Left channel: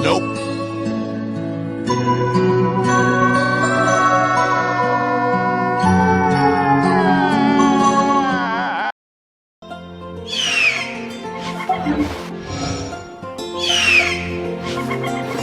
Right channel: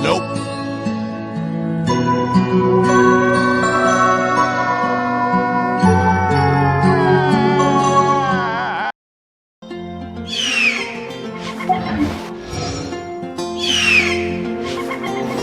Nope.